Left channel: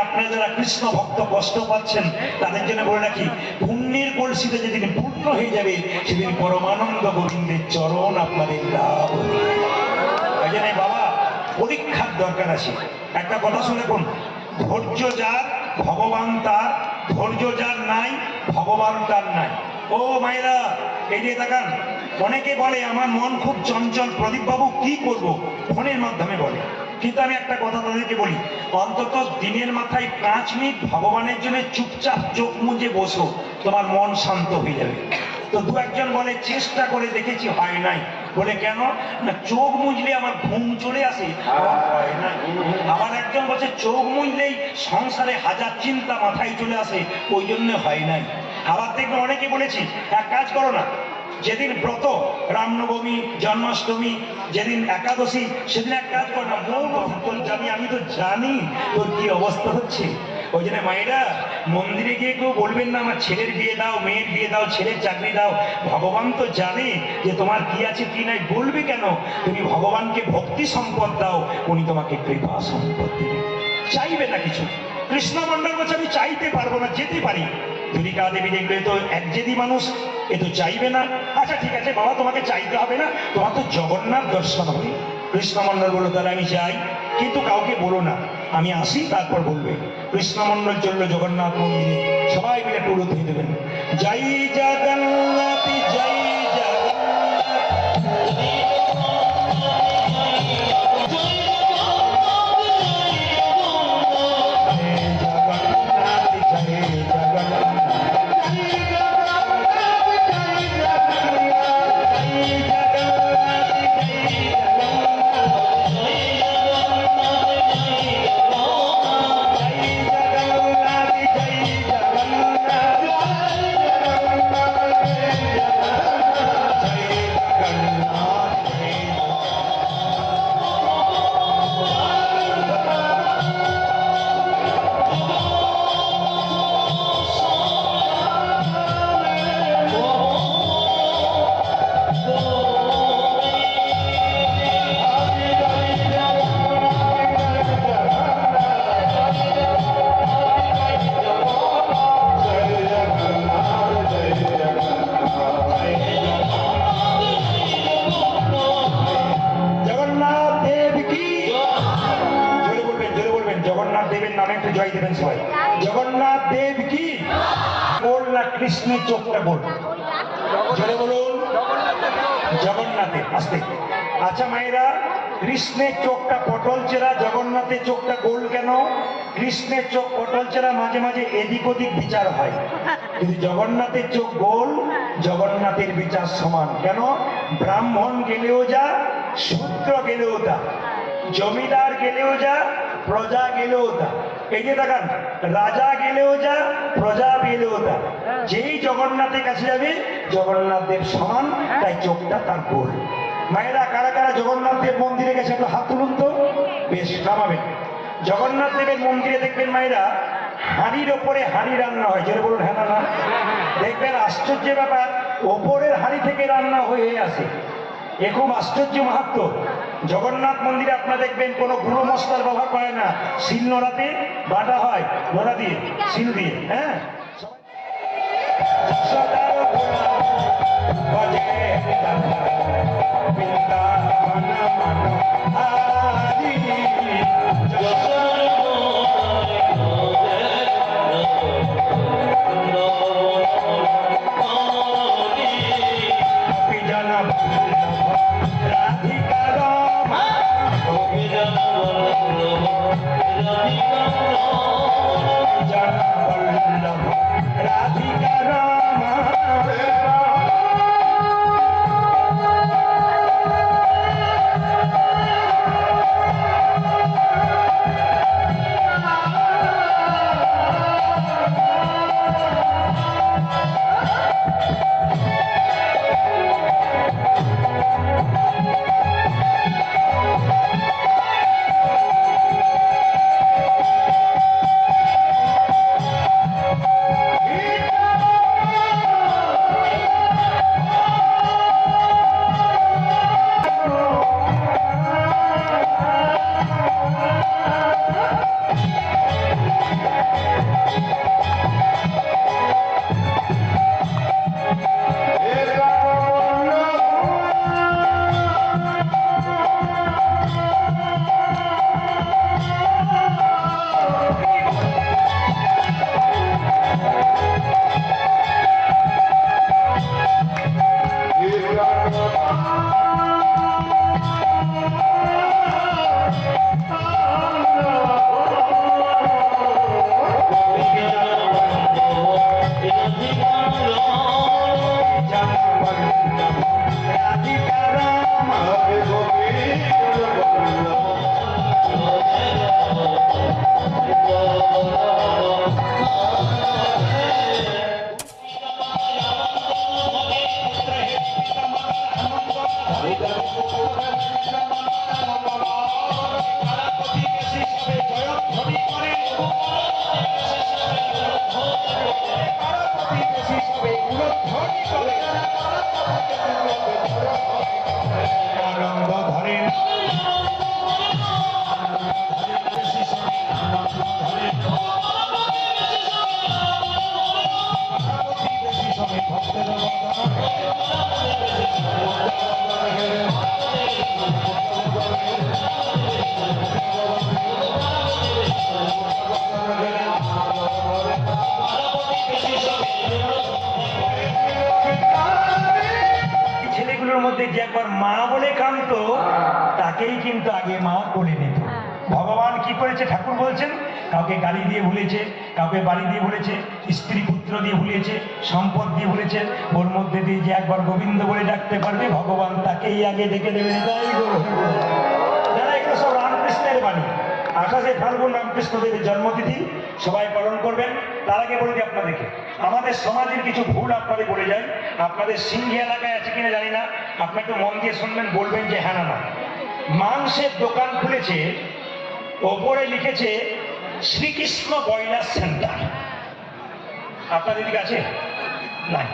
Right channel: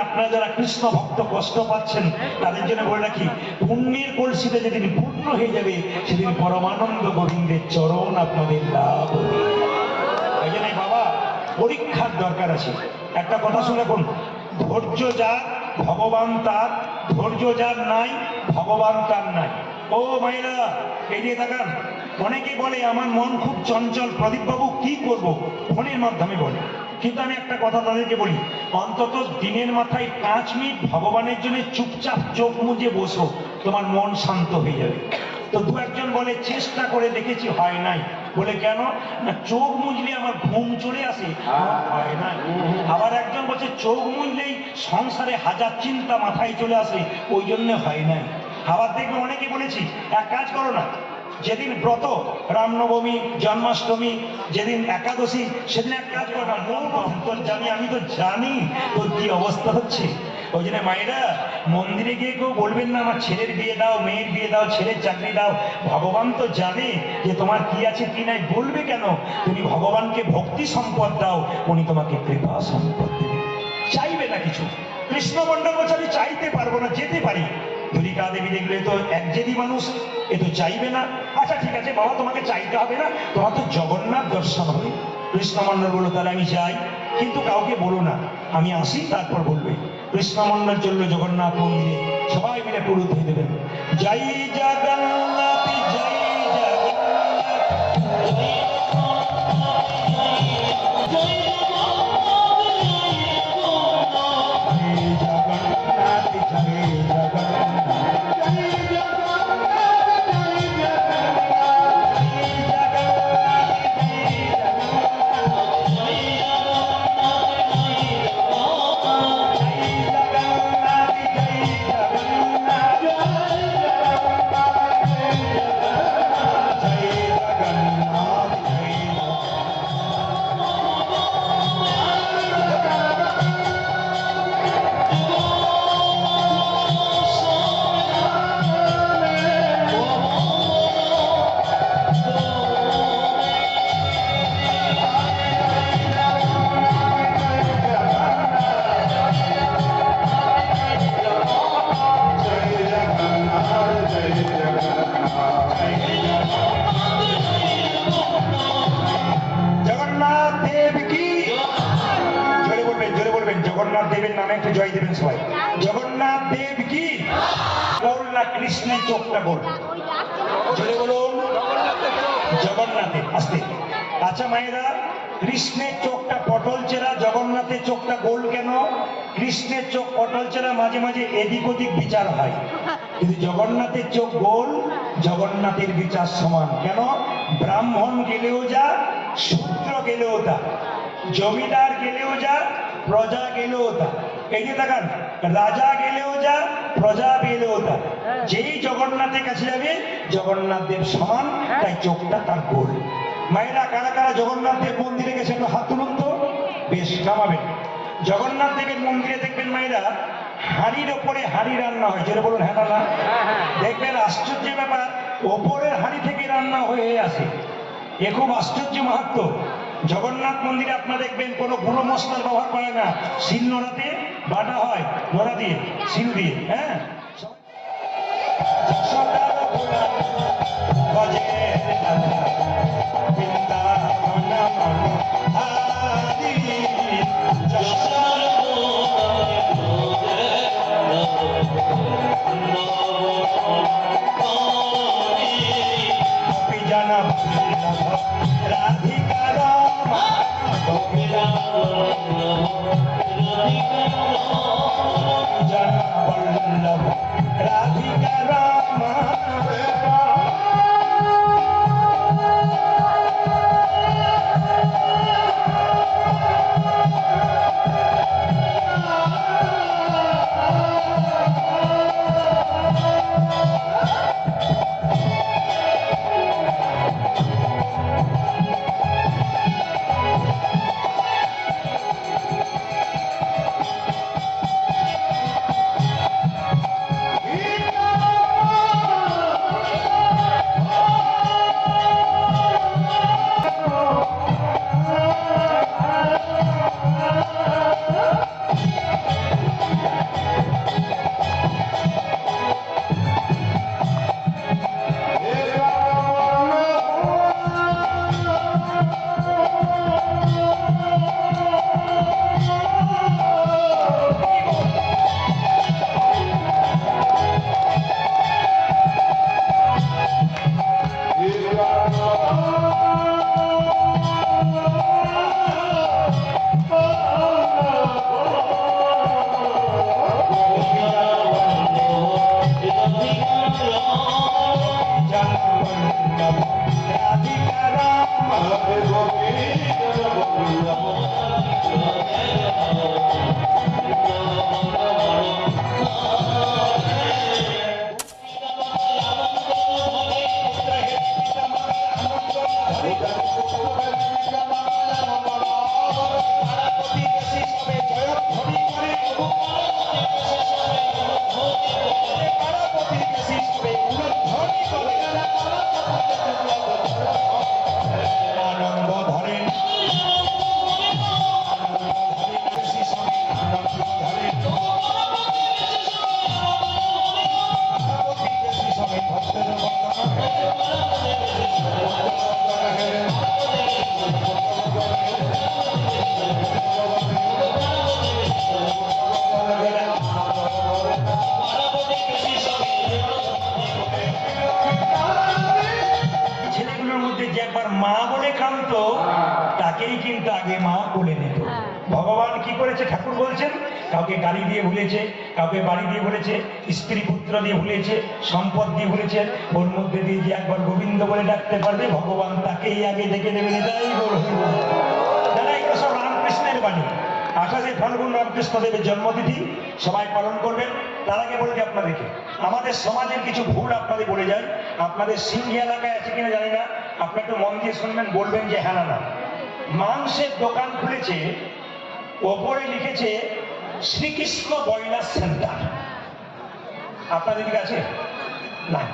আপনারা যারা কৃষ্ণ ভক্ত কষ্ট পাচ্ছেন, তাদের জন্য বলে রাখি, পুণ্যের কলসিতে যেদিন পূর্ণ হয়ে যাবে, সেদিন পরমানন্দ গোবিন্দের চরণ আপনাদের লাভ হবে। বাবা, পরীক্ষার দরকার আছে। একটা কথা শুনে রাখুন, ধৈর্য যার, ভগবান তার, ধৈর্য যার নাই, ভগবান তার নাই। ও মাইরা এই যে তাকান, অনেকে বলে, আমার মন খুব চঞ্চল। প্রদীপ বাবু কি করব? ফোনের মাধ্যমে বলে। কিন্তু আমি একটা কথা তাদেরকে বলি। অন্তত দিনের মাথায় পাঁচ মিনিট ভগবানের জন্য চুপচাপ চোখ মুজে বসো, তোমার মন শান্ত হয়ে যাবে। তো দু একজন বলে, চেষ্টা করে দেখেছি, হয় নাই। বলে, কেন? না, চোখ মুজলে আমার ঘুম চলে আসে। আবার একজন বলছে, চোখ মুজলেই সংসারে হাজার চিন্তা মাথায় চলে আসে, ওই জন্য হয় নাই। আবার দেখবে অনেকে বলেছি, এক কাজ করো না যেদিন ব্রত, রামনবমী, জন্মাষ্টমী, যেদিন একাদশী, সেদিন এক কাজ করো না, মন তো জানি, আমি তো জানি তোর কি অবস্থা হচ্ছে। ওই জন্য মায়েরা, মন্দিরে গিয়ে কেউ বলবেন না, আমার ছেলের বিয়ে দাও, মেয়ের বিয়ে দাও, ছেলের চাকরি দাও। ভগবান তো জানে যে তোমার কি আছে, কি নাই, বলবে কেন? তুমি ভগবানকে ভক্তি সম্পদ দাও, উনি তোমাকে কৃপা সম্পদ দেবে চাইবে না কিছু। কৃষ্ণ মন্ডল বলছে, আমি চাইতে পারব না, যেতে পারি। দুরিকা দেবী দেখলে তো একজেদি মানুষ, এ তো চাইবে না। আচ্ছা ঠিক আছে, বাবা, তোমাকে চাইতে হবে না। তোমার তো জগন্নাথ দর্শন হবে। কৃষ্ণমন্ডল বলল তাহলে আমি যাই। কিন্তু কাউকে বলো না। আমি আসি, তারপর বলবে। কৃষ্ণমন্ডল চলল জগন্নাথ মন্দিরে সবাই মিলে টুরু দিয়ে দেবেন। জয় সবাই জগন্নাথ দেব কি? বল না কৃষ্ণের চোখটা বল। জোরে আস্তে আচ্ছা মায়েরা, কৃষ্ণের চোখটা পটল চেরা, জগন্নাথের চোখটা গোল কেন? কৃষ্ণের চোখ পটল চেরা, মাঝে মাঝে এদিক ওদিক বিচার হয়। কিন্তু জগন্নাথের চোখ গোল, জগন্নাথের বিচার সমান। কেন? ব্রাহ্মণ গেলেও যা, শূদ্র গেলেও তা। জমিদার গেলেও যা, প্রজা গেলেও তা। এই যে দেখান, রাজা গেলেও যা, প্রজা গেলেও তা। যেই জগন্নাথের কাছে যাবে, জগন্নাথ দেব সমান, তাই চোখটা তার গোল। মায়েরা কারা কারা জগন্নাথ দেব মন্দিরে গেছে, একটু হাত তুলুন তো। বেশ, নামাবেন। জগন্নাথ দেবের মন্দিরে দেখবেন মায়েরা, হাড়ির ওপরে হাড়ি রান্না হয়। যেটা বলুন হ্যাঁ? দেখবেন আশ্চর্য ব্যাপার, ওপরের হাড়ি থেকে রান্না হয়ে আসে। এ খুব আশ্চর্য মাহাত্ম জগন্নাথ মন্দিরে আপনারা দেখবেন কোনো গুঁড়ো মশলার ব্যবহার করে না। শিল নোড়াতে বাটা হয় নোড়া দিয়ে শিল দিয়ে হ্যাঁ? যশোদার গোলা রাধিকা Thank you. তাকেই কিন্তু আগে মা বলে নিত। ভগবান কি করেছে? ঠাকুর বলছেন কাউকে গাড়ি দিয়ে ভুলেছে কাউকে বাড়ি দিয়ে ভুলেছে স্ত্রী পুত্র দিয়ে ভুলেছে সম্পদ দিয়ে ভুলেছে ওর মধ্যে দিয়ে যে একবার গোবিন্দ বলে ডাকতে পারবে ভগবান তাকেই আগে ডেকে বলব। যারা এগুলো সব রামকৃষ্ণের বাণী আঠাশে ফাল্গুন রামকৃষ্ণ দেবের জন্মতিথি সবাই পালন করবেন। তার আগে বলে দিই আপনাদেরকে আমাদের সমাজের কিছু ভুল আপনাদের বলে যায় আপনাদের সিংহি এলাকায় আছে কিনা জানি না। আপনি একটু মন দিয়ে শুনবেন বলবেন যে হ্যাঁ না না। মাংসের দোকান খুলেছে, ওপরে লিখেছে, শ্রীকৃষ্ণ বয়লার সেন্টার। আপনাদের দিকে আছে? নাই।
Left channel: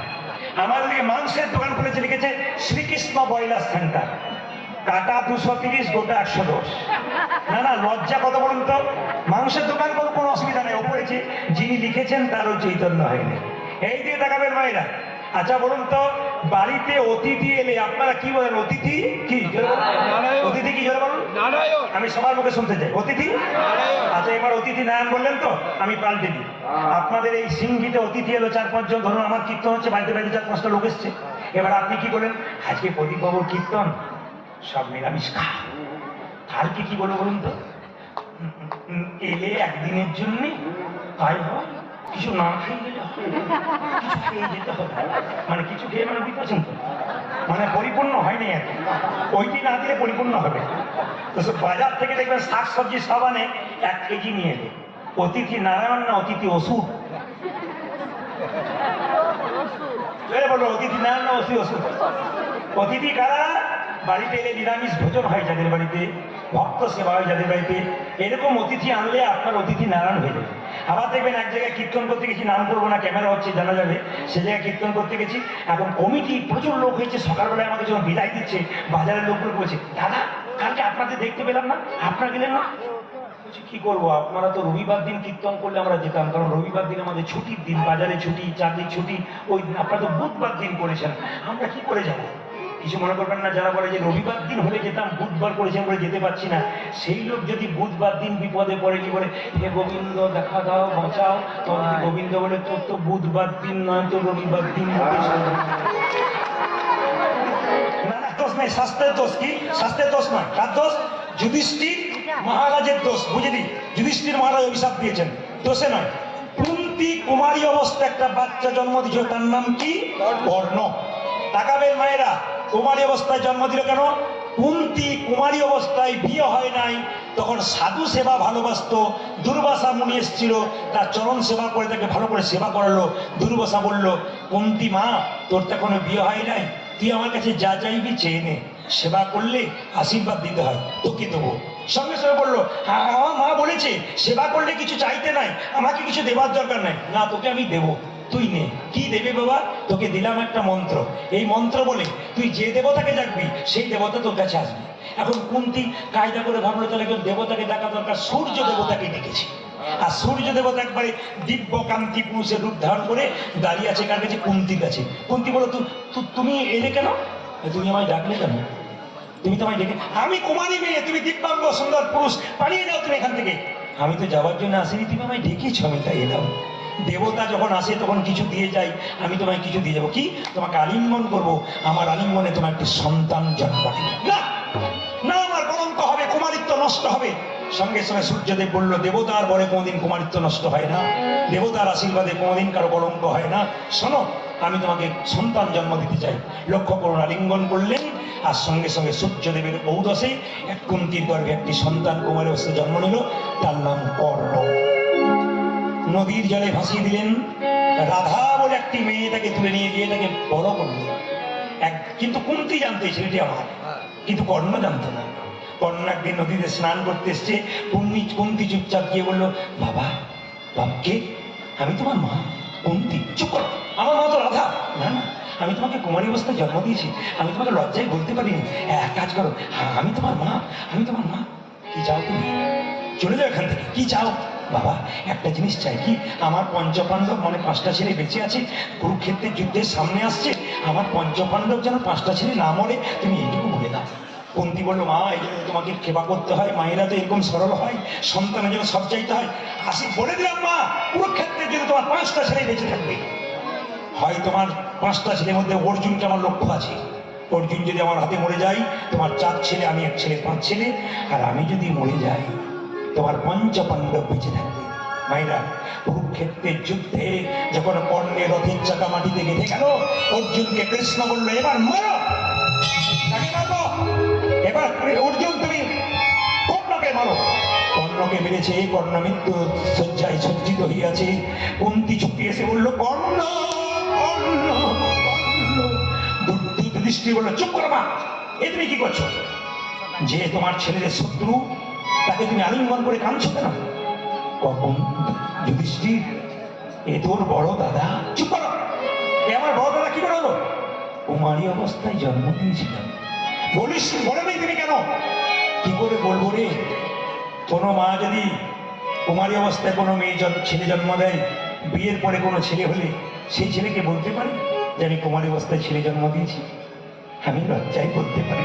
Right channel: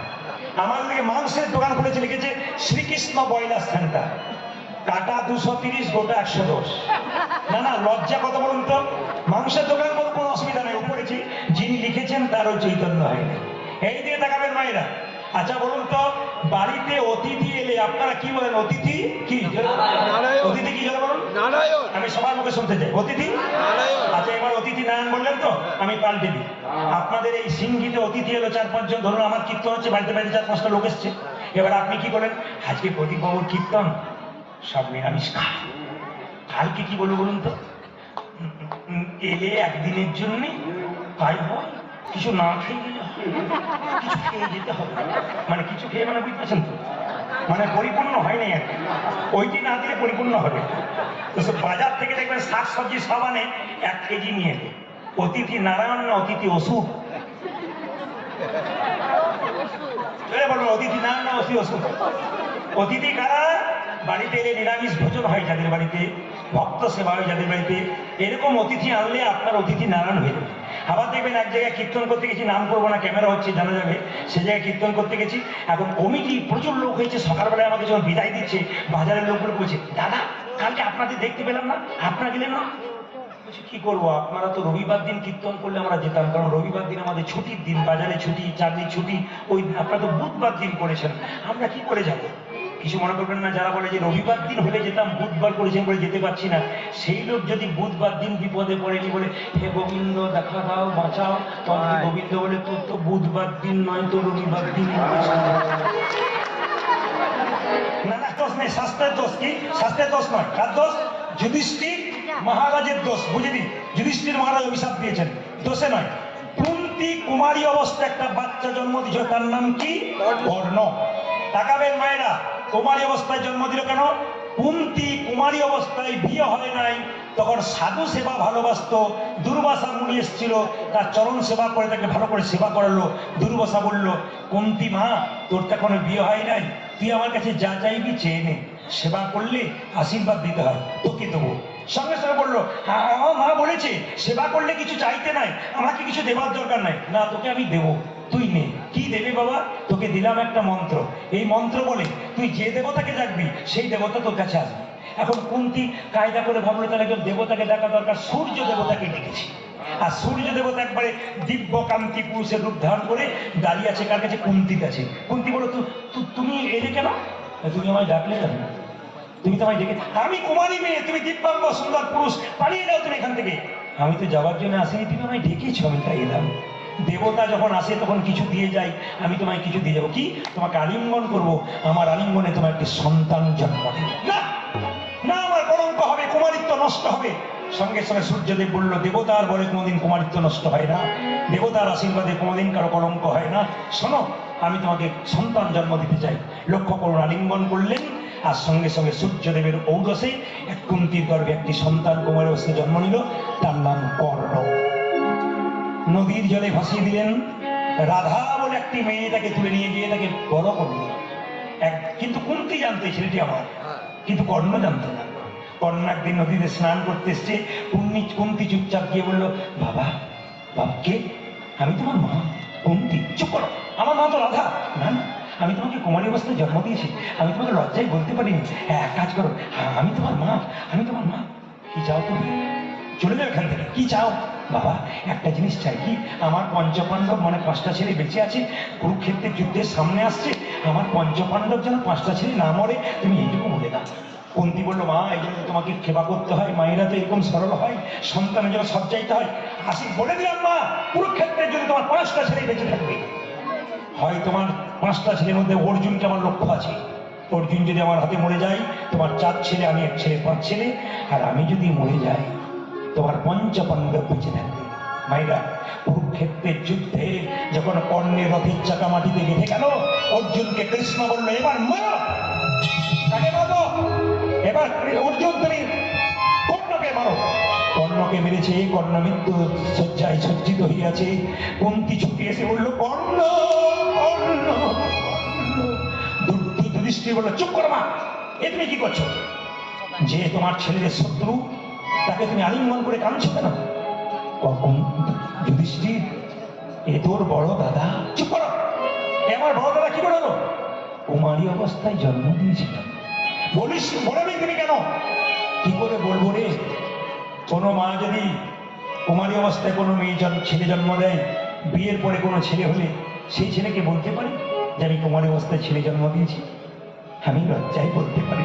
আমাদের দিকে মাংসের দোকান খুলেছে, লিখেছে, শ্রীকৃষ্ণ বয়লার সেন্টার। কাটা দুশো তিরিশ, গোটা একশো দশ। না না, লজ্জা কত বলুন তো? মাংসের দোকান কোনো কোনো অসুবিধা নেই, ওপরে যিনি লিখেছেন তারও চৈতন্য হয়নি। এই দিয়ে তাকাবেন মায়েরা। আচ্ছা বলুন তো বাড়িতে অতিথি এলে আপনারা কি বলেন অতিথি কি? অতিথি কি আমি সবার মুখে শুনতে চাই। অতিথি? আচ্ছা এবার অতিথি নারায়ণ বললেন তো? আমি পাল্টে দিই আপনাদের এই সিংহিতে অতিথি এলো চার পাঁচজন ধরুন আমার কীর্তন হচ্ছে বাড়িতে বাড়িতে চার পাঁচটা লোক এসছে। এবার আপনি কি বলেন আজকে প্রদীপ বাবুর কীর্তন সব নিরামিষ খা কালকে কি বলব বলুন তো? এলে একদিনের জন্য তাই হয়। কিছু না খেয়ে গেলে মানে কিছু খেয়ে মানে বুঝতে তো মানে পরিপূর্ণ হয় নাই আর ওইটি না দিলে পরিপূর্ণ হবে। তো বাজার থেকে দেখবেন শাক সবজি সব আনে, এক কেজি নিয়ে এলে। অতিথি নারায়ণ না অতিথি ওষুধ অতিথি নারায়ণ না অতিথি ওষুধ অতিথি কারা? বাড়িতে এলে নিরামিষ ভোজন হয় যাদের বাড়িতে, ভক্ত সেবা হয় যাদের বাড়িতে, এরকম অতিথি আনলে আপনার অতিথি নারায়ণ হয়ে যাবে। আবার দেখবেন এক জায়গায় কীর্তন করতে গেছি, নাম করব না, ক্যামেরা হচ্ছে, জানা যাবে, সে জায়গায় কীর্তন করতে গেছি এখন কমিটি প্রচুর লোক হয়েছে, সকালবেলায় আমাকে যখন বিদায় দিচ্ছে, বাজারের লোকগুলো বলছে, দাদা, কালকে আপনাদের দেখতে পেলাম না, আপনারা গেলেন না? কি করব, আপনারা তো রবিবার দিন কীর্তন করলে আমরা যেতাম, কারণ রবিবার দিন আমাদের ছুটির দিন, বাজারে ছুটি চাকরির ছুটি, ওই দিন আপনারা তো বুধবার দিন করেছেন, আমরা কি করে যাব? কিছু মনে করবেন না যারা বলে যে রবিবার দিন হলে যেতাম বুধবার করেছেন বলে যেতে পারছি না। সেই লোক যদি বুধবার দিন বিপদে পড়ে কি বলে হে গোবিন্দ দেখা দাও বাঁচাও গোবিন্দ বলে তোর তো বুধবার দিন নয় তো রবিবার দিন না না দোষ নেই শাস্ত্রের দোষ কি? শাস্ত্রের দোষ নয়। কার দোষ? যুধিষ্ঠির মহারাজের দোষ বুঝলি যুধিষ্ঠির মহারাজ অভিশাপ দিয়েছেন। দোষে নয়। কুন্তি কুমারী অবস্থা একটা বাচ্চা জন্ম দিয়েছে তার নাম কি? কর্ণ। তাকাবেন মায়েরা কুমারী অবস্থায় জন্ম দিল কেন? কুন্তি কুমারী অবস্থায় বিয়ে হয় নাই। তখন সাধু সেবা ভালোবাসতো, দুর্বাসা মুনি এসেছিল, তার চরণ সেবা করে তাকে ভালো করে সেবা করালো। দুর্বাসা বলল, কুন্তি মা, তোর তো এখনও বিয়ে হয় নাই। তুই আমার কাছে যা চাইবি চেয়ে নে। সেবা করলে আশীর্বাদ দিতে হয়, তোকে দেবো। সঙ্গে সঙ্গে বলল হ্যাঁ মা বলেছে, সেবা করলে কিছু চাইতে নাই। আমাকে কিছু দেবার দরকার নাই। না, তোকে আমি দেবো। তুই নে। কি দেবে বাবা? তোকে দিলাম একটা মন্ত্র। এই মন্ত্র বলে তুই যে দেবতাকে ডাকবি, সেই দেবতা তোর কাছে আসবে। এখন কুন্তি কায়দা করে ভাবলো, তাহলে একজন দেবতাকে ডাকা দরকার। সূর্য দেবতাকে ডেকেছে। আর সূর্য দেবতা একবারে দিব্য কান্তি পুরুষের রূপ ধারণ করে দাঁড়িয়ে আছে কার কাছে? কুন্তির কাছে। কুন্তি বলো তুমি এলে কেন? তুমি আমায় ডাকলে কেন? তুমি তো আমায় ডেকে আমি কুমারী মেয়ে, তুমি দিব্যাঙ্গ, সুন্দর পুরুষ, পালিয়ে যাও তুমি এখান থেকে। আমি তো যাওয়ার জন্য আসিনি, তুমি আমায় ডেকেছ, আমি তাই এলাম। দেবতা যখন আসে, তখন কিছু দিয়ে যাই আমি তোমায় কিছু দিয়ে যাব। কি? তোমাকে আলিঙ্গন করব। আমার আলিঙ্গনে তোমার একটি সন্তান জন্মাবে। না! না, আমার কলঙ্ক হবে, কুমারিত্ব নষ্ট হবে। সঙ্গে সঙ্গে সূর্যদেব বলল, দেবতার বলে কোনোদিন কুমারিত্ব নষ্ট হয় না। দেবতার আশীর্বাদে কোনোদিন কারও কলঙ্ক হয় না। শোনো, আমি তোমাকে সন্তান জন্ম দিতে চাই। লক্ষ্য করুন, আলিঙ্গন করলেন, আর সঙ্গে সঙ্গে সূর্যদেবের ঔরসে এক কুন্তির গর্ভে একটি সন্তান কুমারের জন্ম নিল। তার নাম কর্ণ। নদীর জলে ভাসিয়ে দিলেন। রাধা বলে একটি মেয়ে তাকে তুলে নিয়ে গিয়ে তাকে বড় করল। এক, কিন্তু কুন্তি জানতো ছেলেটি আমার। কিন্তু কর্ণ জানতো না। কর্ণ একদিন নদীতে স্নান করতে এসছে। কুন্তি কুন্তি চুপচাপ গিয়ে বলল, বাবা বাপকে আমি তোমার মা। কুন্তি, চুপ করো। আমার মা তো রাধা। না না, আমি তোমাকে কুমারী অবস্থায় জন্ম দিয়েছি। আমি তোমাকে লজ্জায় বলতে পারিনি। এক কাজ করো, আমি তোমার মা, আমি তোমার মা। কি চাও তুমি? চলে যাও এখান থেকে। কি চাও? বাবা, একটা জিনিস চাই কি? আমার পঞ্চপাণ্ডব মানে পাঁচটা ছেলে বেঁচে আছে, কুরুক্ষেত্রের যুদ্ধের সামনে আসছে, আমার পঞ্চপাণ্ডব যেন পাঁচটা ছেলে না মরে, তুমি এইটুকু বলে দাও। কুন্তি বলল, মা, এই জন্য তোমাকে সেবা করতে হয়, মায়েরা তো এরকম সরল হয়, সন্তানের জন্য সব চাইতে হয়। আসি, বলে দিলাম, মা, কুরুক্ষেত্রের যদি তোমার পাঁচটা ছেলে বেঁচে থাকবে। হয় তোমার পাঁচটা ছেলের মধ্যে অর্জুনকে আমার লক্ষ্য আছে। অর্জুন যদি আমার হাতে মরে যায়, তোমার চার ছেলে, আমি এক ছেলে, পাঁচ ছেলে, আর আমি যদি মরে যাই তোমার পঞ্চ পাণ্ডব বেঁচে থাকবে। মাইরা কুরুক্ষেত্রের যুদ্ধে যখন কর্ণের রথের চাকা মাটিতে গেঁথে গেল অর্জুনকে কৃষ্ণ বলল, এবার মারো। এবার অর্জুন, তুমি কর্ণকে মারো। কর্ণকে মেরেছে, কর্ণ মৃত্যু শয্যায় সজ্জিত হইয়াছে। কুন্তি ছুটি এসে বলল, কর্ণ কর্ণ দৃষ্টি বলল, চুপ করো না এ তুমি কি করছ? যে তোমার ছেলেদের শত্রু তাকে তুমি আলিঙ্গন করে কাঁদছো কেন? কখন? যুধিষ্ঠির, এ তোর বড় দাদা। চুপ করো! এ আমার বড় দাদা কি করে হলো? কুমারী অবস্থায় জন্ম দিয়েছিলেন। বলিস, বলে নেই তুমি কেন? কি করে বলব রে? কোনো মা যদি কুমারী অবস্থায় কোনো মেয়ে ছেলে জন্ম দেয়, বিয়ের পরে কোনো ছেলে হলে সেই ছেলেকে বলতে পারি যে আমি কুমারী অবস্থায় ছেলে জন্ম দিয়েছি? আমি লজ্জায় বলতে পারি।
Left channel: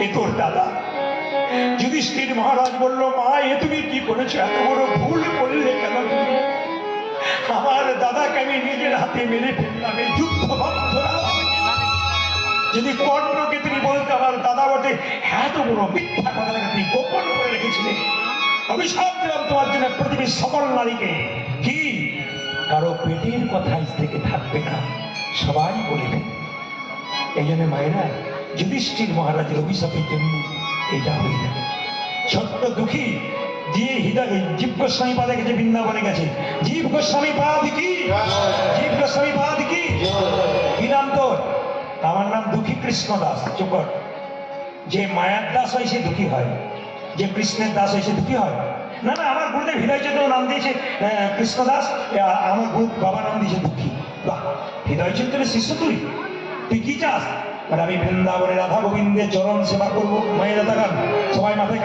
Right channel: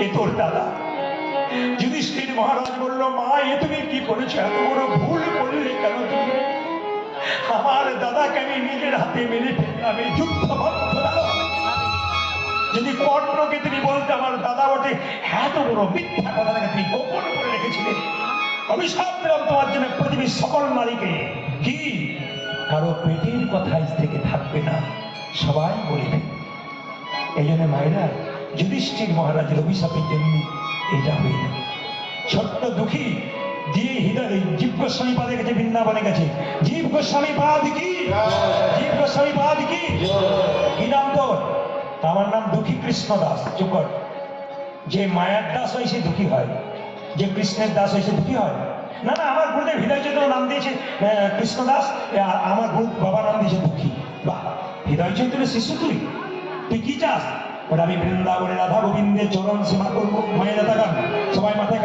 এ তোর দাদা। যুধিষ্ঠির মহারাজ বলল, মা, এ তুমি কি করেছ? এত বড় ভুল করলে কেন তুমি? আমার দাদাকে আমি নিজের হাতে মেরে ফেললাম, এই যুদ্ধ। যদি কর্ণকে তুমি বলতে আমার দাদা বটে এত বড় মিথ্যা কথাটাকে তুমি গোপন করে রেখেছিলে? অভিশাপ দিলাম তোমার জন্য পৃথিবীর সকল নারীকে। কি? কারও পেটের কথা থেকে থাকবে না, সবাই বলবে এই জন্য মায়েরা, যুধিষ্ঠির মহারাজের অভিশাপের জন্য এটা দুঃখী, যে হৃদয় জীব গোস্বামী পাদে গেছে বৃন্দাবনে গেছে। জীব গোস্বামী পাদ কি? জীব গোস্বামী পাদ কি? কি নাম তোর? আমার নাম দুঃখী কৃষ্ণ দাস চুকট যে মায়ের দাস হয়, সে দুঃখী হয়। যে কৃষ্ণের দাস হয়, সে দুঃখী হয়। না না, আমার গুরুদেব হৃদয় চন্দ্র নাম দিয়েছে কৃষ্ণ দাস আমার গুরু বাবা নাম দিয়েছে দুঃখী। বাহ, হৃদয় চন্দ্রের শিশু তুই? তুই কি চাস? বলে, আমি বৃন্দাবনে রাধা গোবিন্দের চরণ সেবা করব। মহিলা থাকান সবাই মাথায়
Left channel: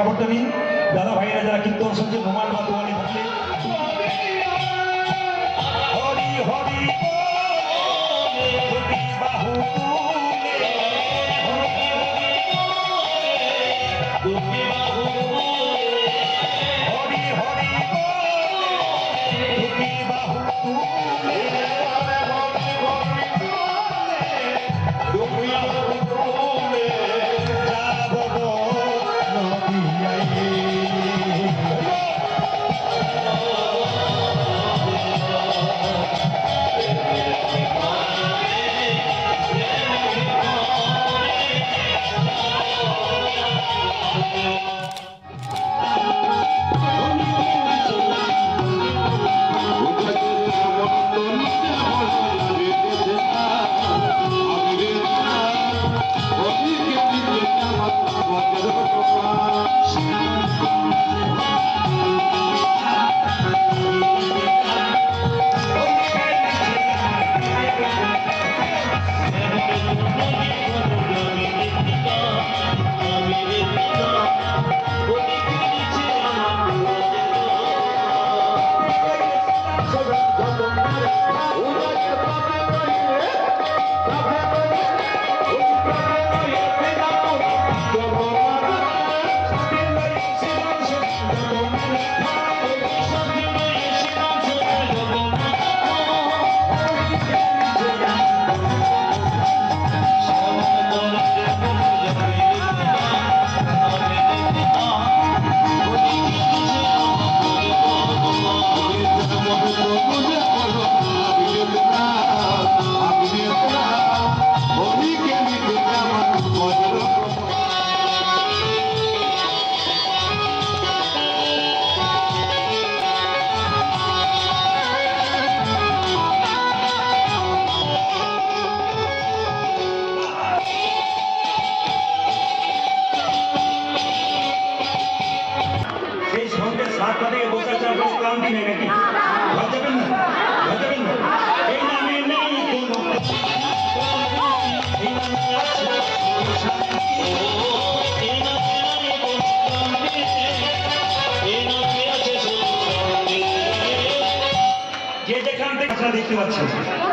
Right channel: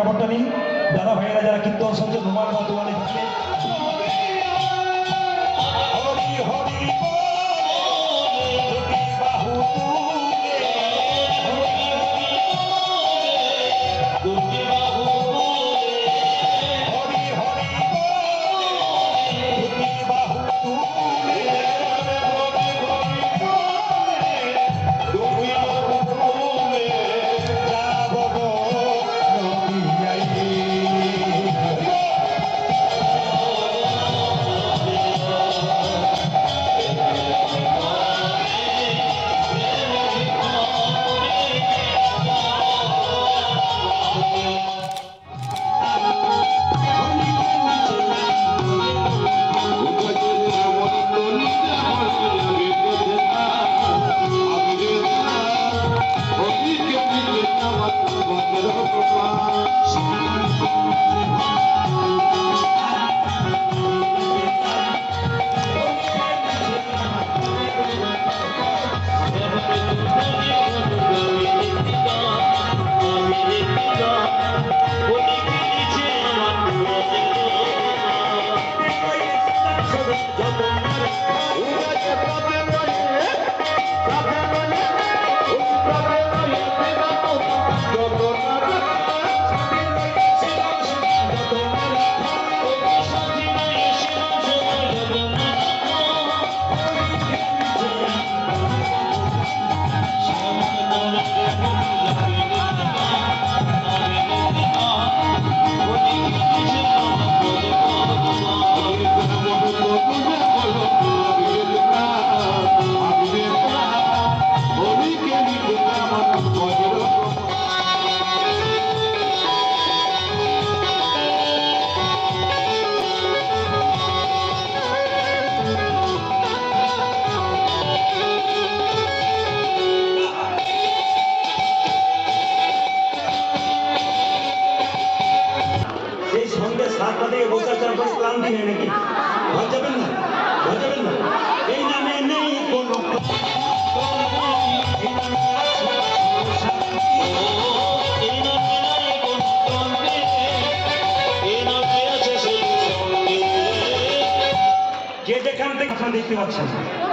দেখতে পাচ্ছেন।